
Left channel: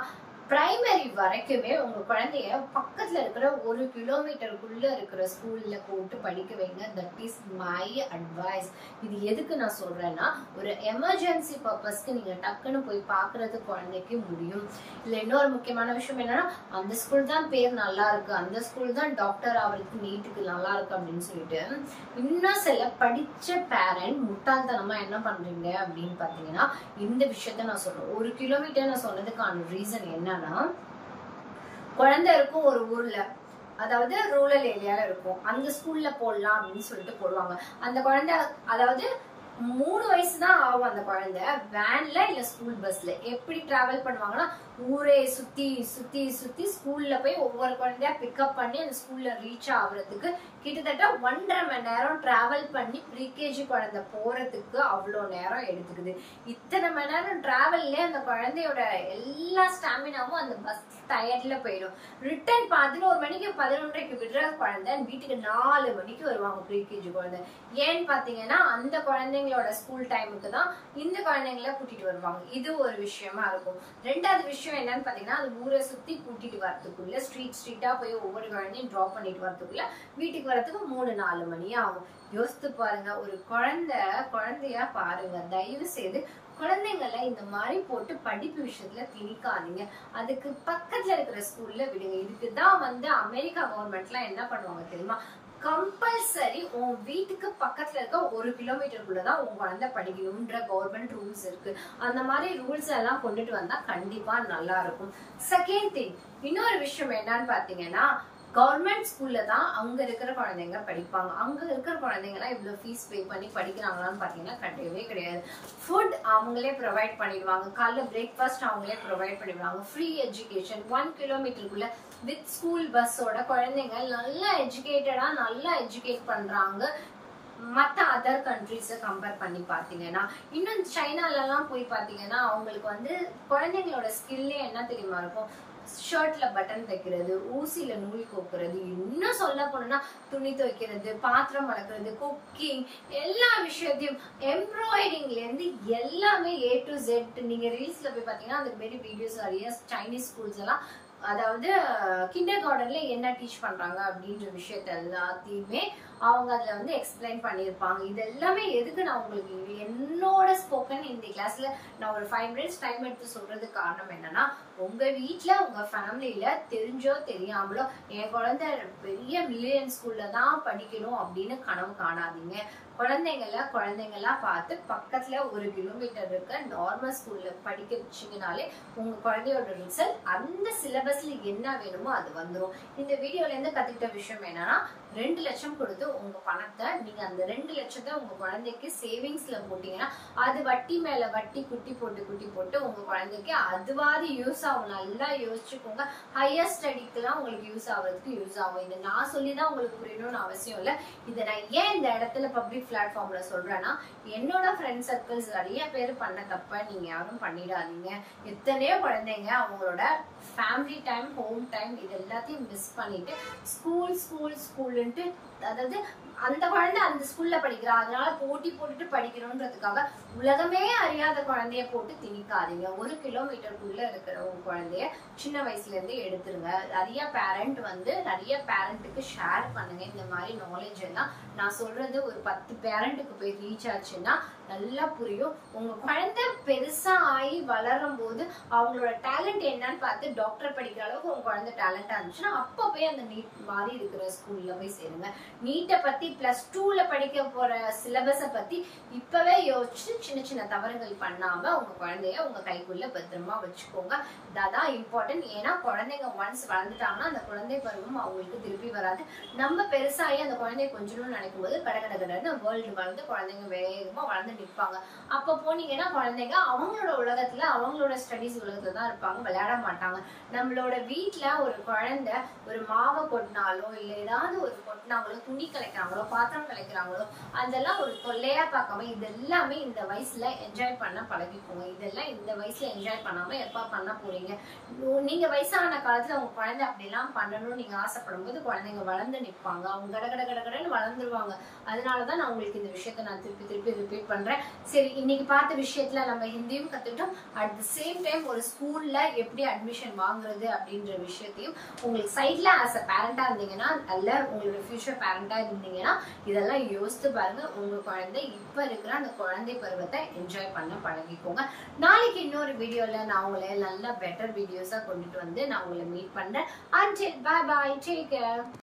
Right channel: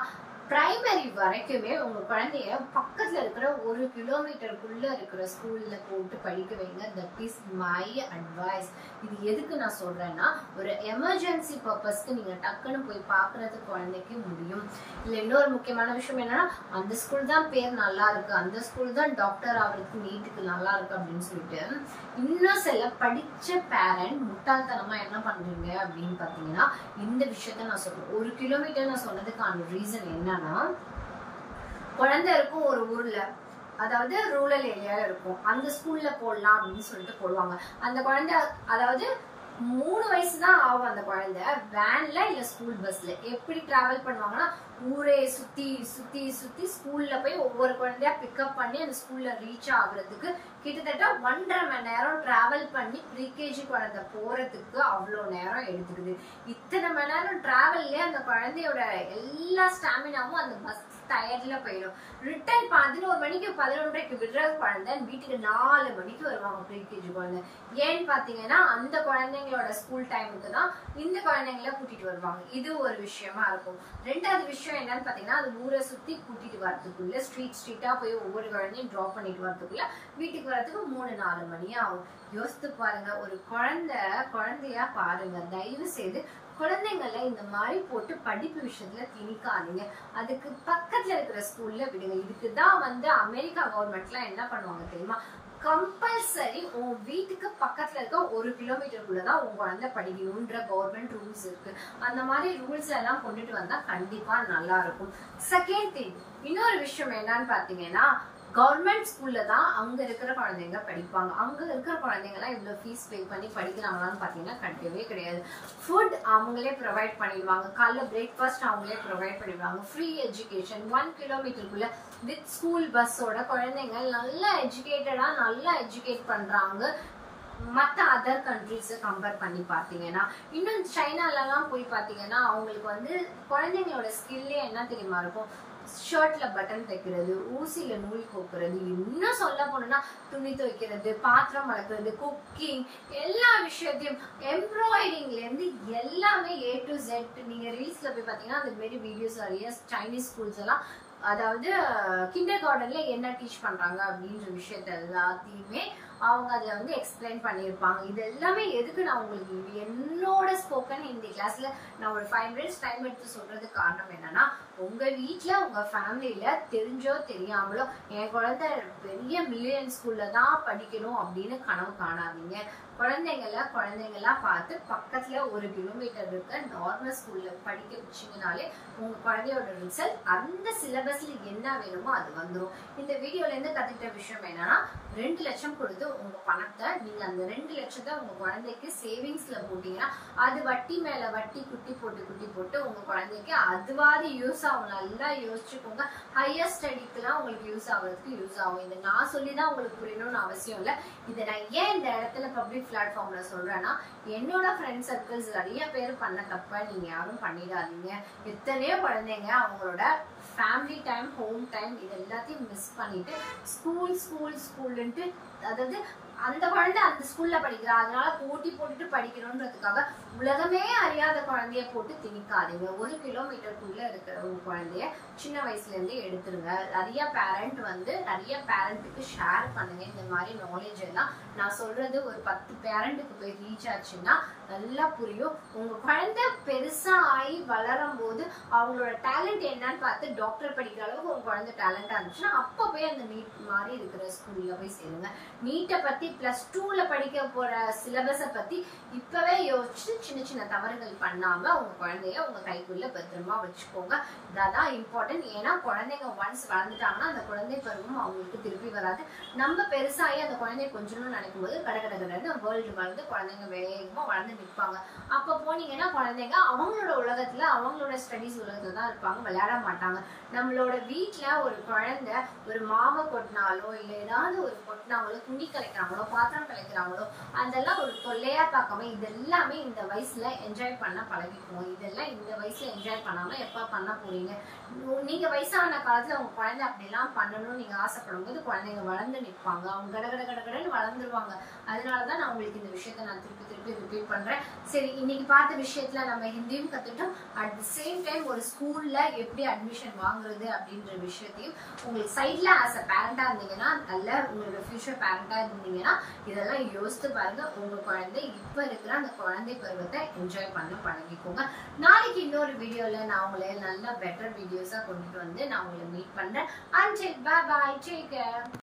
பிரைமரி வரைக்குமே உங்க குழந்தைய பக்கத்துல இருக்கிற 1 கிலோமீட்டருக்குள்ள இருக்கிற ஸ்கூல்ல போட்டு படிக்க வைங்க. That is my advice. இது எதுக்கு நான் சொல்றேன்னா, ஒரு எமர்ஜென்சி பர்பஸ்க்கு நீங்க டக்குன்னு போய் பாக்குறது குழந்தைக்கு முடியும். இல்ல இன்னொரு முக்கியமான விஷயம் என்னன்னா, அந்த ஸ்கூல் தான் பேர் நல்லா இருக்கு, அந்த ஸ்கூல் தான் டாக்டர் ஆகிறதுக்கு நீட்டுக்கு நல்லா இருக்கு அப்படின்னு சொல்லிட்டு இன்னும் சில படிச்ச பேரண்ட் முட்டாள்தனமா என்ன பண்றீங்க அப்படின்னு பாத்தீங்கன்னா, இந்த விஷயத்த நான் சொல்றேன். 1 கிலோமீட்டர் நான் சொன்னதுக்கான ரீசன் என்ன, குழந்தை இருக்கும் ஒரு ஊர்ல, அதாவது ரூரல் ஏரியால இருக்கும், அந்த ஸ்கூல்ல போடலாம் அப்படின்னு சொல்லிட்டு போடுவாங்க. அந்த குழந்தை அதாவது 3 வயசு தான் ஆகும். அந்த குழந்தை வேன்ல இல்ல ஸ்கூல் பஸ்ல எப்படி டிராவல் பண்ணுவாங்கன்னா, ஊரே சுத்தி சுத்தி சுத்தி ஸ்கூல்ல போய் ஒவ்வொரு குழந்தையா பிக்கப் பண்ணி அந்த ஸ்கூல்ல ரீச் ஆகுறதுக்கு கிட்டத்தட்ட 1.5 மணி நேரம் டிராவல் பண்ணி ப்ரீகேஜி குழந்தை போறதுக்கு அவ்வளோ நேரம் எடுத்துக்குது. இத்தனை மணி நேரம் டிராவல்ல அந்த குழந்தையோட எல்லா ஸ்டாமினாவும் அந்த பஸ் டயர்ட்ல போயிடும். ரிட்டர்ன் 11 மணிக்கு 11:30க்கு விடுற குழந்தை வீட்டுக்கு 4 மணிக்கு வருவாங்க ப்ரீகேஜி குழந்தை. ஏன்னு பாத்தீங்கன்னா, அந்த குழந்தைங்களோட ஸ்கூல் டைமுக்கு தான் இந்த குழந்தைங்கள கூட்டிட்டு வருவாங்க. இது ஒரு விஷயமா இருக்கும். ரெண்டாவது விஷயம் என்னன்னு பாத்தீங்கன்னா, அது ஊரை சுத்தி கூட்டிட்டு வரதுக்குள்ள ஸ்ட்ரீட்டா போய் ஒவ்வொரு குழந்தையும் டிராப் பண்ணிட்டு வரதுக்குள்ள வீட்டுக்கு வரதுக்கு 3-4 மணி ஆகும். யோசித்து பாருங்க. ஒரு குழந்தையா பாருங்க. தயவு செய்து குழந்தைங்களை இந்த மாதிரி போட்டு படிப்பு விஷயத்துல திணிக்காதீங்க. அதுக்கு பக்கத்துல இருக்கிற ஸ்கூல்ல விடுங்க. இதுக்குதான் அமெரிக்கா கவர்மெண்ட்லாம் என்ன பண்ணுவாங்க தெரியுமா, கம்பல்சரி உன் வீட்டுக்கு பக்கத்துல இருக்க 1 கிலோமீட்டருக்குள்ளதான் உங்க குழந்தை படிக்கணும்ன்ற கவர்மெண்ட் ரூல்ஸ் இருக்கு. அந்த மாதிரி ரூல்ஸ் எல்லாம் கொண்டுட்டு வந்தா கண்டிப்பா நல்லா இருக்கும். செகண்ட் திங், இன்னொரு விஷயம் என்னன்னு பாத்தீங்கன்னா, கவர்மெண்ட் ஸ்கூல்ல தான் அங்க இருக்கிற குழந்தைங்க படிப்பாங்க. அங்க இருக்கிற குழந்தைங்க எல்லாம் இவ்வளவு ஃபீஸ் பே பண்ணி படிக்கிறாங்களான்னு பாத்தீங்கன்னா கிடையவே கிடையாது. ஃபுட் அவங்களே ப்ரொவைட் பண்ணிடுவாங்க. காலைல பிரேக்ஃபாஸ்ட் அவங்களே ப்ரொவைட் பண்ணிடுவாங்க. ஃப்ரீ எஜுகேஷன் 1 கிலோமீட்டருக்குள்ள வித் ஸ்கூல் பஸ்ஸோட குழந்தைங்க நல்லா எஜுகேட்டடா நல்லா எஜுகேட் பண்றாங்க. மற்ற அதர் கண்ட்ரிஸை கம்பேர் பண்ணி பாத்தீங்கன்னா, இன்னும் சைனால எல்லாம் போய் பாத்தீங்கன்னா அவங்களுக்கு குழந்தைங்களோட ஸ்கில்லே என்ன தெரியுமா இருக்கும், ஷர்ட்ல பட்டன் தைக்கிறது, ஊசியில நூல் கோக்குறது, இன்னும் சொல்ல போனா துணி துவைக்கிறது, பாத்திரம் வளர்க்கறது, குக்கிங், எல்லா விஷயத்தையும் எம்ப்ராய்டிங்ல இருந்து எல்லாமே A to Z. நீங்க ரீல்ஸ்ல போய் பாத்தீங்கன்னா அந்த மாதிரி வீடியோஸ் நிறைய சைனீஸ் ஸ்கூல்ஸ் எல்லாம், அதாவது கிண்டர் கார்டன்ல என்ன டீச் பண்றாங்க அப்படின்ற விஷயத்த எல்லாத்தையுமே அவங்க அதுல எக்ஸ்பிளைன் பண்ணிருப்பாங்க. இது எல்லாமே எதுக்கு நான் உங்களுக்கு என்னோட ஸ்போக்கன் ஹிந்தி கிளாஸ்ல நான் ஒரு 5 minutes டைம் எடுத்து சொல்றதுக்கு காரணம் என்னன்னா, உங்க வீட்டுல உங்க ஃபேமிலியில தெரிஞ்சோ தெரியாமலோ என் குழந்தை பெரிய மில்லியன் ஸ்கூல்ல தான் படிக்கணும் அப்படின்னு கனவு காணாதீங்க. குழந்தைங்களா பார்த்து பக்கத்துல 1 கிலோமீட்டர் இருக்க நார்மல் ஸ்கூல்ல படிக்க வச்சீங்கனாலே உங்க குழந்தையோட ரிசல்ட் அந்த சிலபஸ்ல என்ன வேணுமோ அது வந்துடும். இந்த வீடியோல இருந்து கத்துக்கிட்ட விஷயம் என்னன்னா, 2 லட்சம் கொடுத்து உங்க பணத்தை நீங்க அந்த 2 லட்சத்தை உங்க குழந்தைக்கு சேவிங்ஸ்ல போட்டீங்கன்னா அது வட்டி மேல வட்டி குட்டி போட்டு உங்க குழந்தைக்கு அதுவாது யூஸ் ஆகும். நல்லா யோசிச்சுக்கோங்க. ஹையர் ஸ்டடிக்கு எல்லாம் உங்களுக்கு யூஸ் ஆகும். இதை நான் சொல்லிதான் உங்களுக்கு புரியணும்னு அவசியம் இல்லை. இதை நான் ஏன் இந்த இடத்துல பப்ளிக் பிளாட்ஃபார்ம்ல சொல்றேன்னா, என்னோட ஃப்ரெண்ட் சர்க்கிள்ஸ் நிறைய பேர் பண்ண தப்ப நீங்க யாரும் பண்ணிடாதீங்க. எத்தனையோ குழந்தைங்க அவங்களோட ஃபேமிலி டைம், ஹோம் டைம் இது எல்லாத்தையும் மிஸ் பண்ணிட்டு ஸ்கூல்ன்ட்டு, அதாவது அந்த குழந்தை அந்த ஸ்கூல்ல படிக்கிறா அதனால போட்டி போட்டுட்டு படிக்கணும்ன்றதுக்காக உலகமே அறியாத குழந்தைய போட்டு திணிக்காதீங்க. 1 கிலோமீட்டருக்குள்ள இருக்கிற ஒரு குழந்தைய சின்ன வயசுல இருந்து எடுத்துருங்க. நிறைய பேரண்ட்டுக்கு ஷேர் பண்ணுங்க இந்த மாதிரி நாலேஜ் எல்லாம். நான் சொல்றது ஒரு 10 பேரண்ட்டுக்கு போய் ரீச் ஆச்சுன்னா நல்லா புரியும். உங்க குழந்தை பெருசா ஆகி வளரும் போது அவங்களோட டேலண்ட் என்னன்னு பார்த்து டாக்டர் படிக்கிற அளவுக்கு உங்க குழந்தை டேலண்டா இருந்துச்சுன்னா அப்ப போய் அந்த நீட் மாதிரி இருக்கிற ஸ்கூல்ல போய் சேருங்க. நீட்டை பத்தி +2ல படிக்க போற சிலபஸை பத்தி இப்பவே யோசிச்சு சின்ன தவறுகள் பண்ணாம உங்க குழந்தைய உங்க கைக்குள்ள பத்திரமா வச்சுக்கோங்க. இதான் இம்பார்ட்டன்ட். ஏன்னா குழந்தைங்க ஒன்ஸ் வளர்ந்துட்டாங்கன்னா அந்த குழந்தை பருவம் அவங்களுக்கு திருப்பி வராது. நம்ம பெருசாகி அந்த குழந்தைய கொஞ்சம் நினைக்கும் போது கடன்னு வேர்ல்டு வளர்ந்து குழந்தைங்க வேகமா வளர்ந்து நிற்பாங்க. அப்ப போனீங்கன்னா குழந்தைங்க அவங்களோட உலகத்துல அவங்களோட ஸ்டடீஸ் உலகத்துல தான் இருப்பாங்க, விளையாட மாட்டாங்க. நம்மளோட வீட்டுல ஒரு குழந்தை ஒரு மாவை கொட்டினாலோ இல்ல ஏதாவது ஒரு கொட்டினாங்களோ, துணி கலைக்கிறாங்களோ, பாத்திரம் கலைக்கிறாங்களோ, அதெல்லாம் ஒரு தொல்லையா பார்க்காம இது எல்லாமே இந்த வயசுல என்ஜாய் பண்ண பழகிக்குவோம். இதெல்லாம் இந்த வயசுல என்ஜாய் பண்ணாம எப்ப பண்ண போறீங்க? நீங்க வயசான காலத்துல உங்க குழந்தை அப்படிலாம் பண்ணணும்னு நீங்க ஆசைப்படும் போது குழந்தைங்க வளர்ந்து நிற்பாங்க, அவங்க கடகடன்னு வளர்ந்துருவாங்க. அதனாலதான் நான் உங்களுக்கு இந்த விஷயத்த நான் திருப்பி ரிப்பீட் பண்றேன். சரி, இன்னைக்கு பார்த்த விஷயத்துல நம்ம ஹிந்தியும் கத்துட்டோம். அட் த சேம் டைம் ஒரு ஸ்கூல்ல எப்படி அட்மிஷன் வாங்குறது அப்படின்ற விஷயத்தையும் உங்களுக்கு சைட்ல ஆஸ் அ பேரண்டா இருந்தீங்கன்னா, அல்ல உங்களோட ஃபியூச்சர் பேரண்டா இருந்தீங்கன்னா இதெல்லாம் யோசித்து பாருங்க. உங்க குழந்தை இப்ப இருக்கிற அந்த குழந்தை பருவத்தை என்ஜாய் பண்ண பழகிக்கோங்க. நாளைக்கு இன்னொரு வீடியோல நான் உங்களை நல்ல பெட்டர் வீடியோஸா கொண்டுட்டு வந்து நான் உங்களை மீட் பண்றேன். Until bye bye, take care.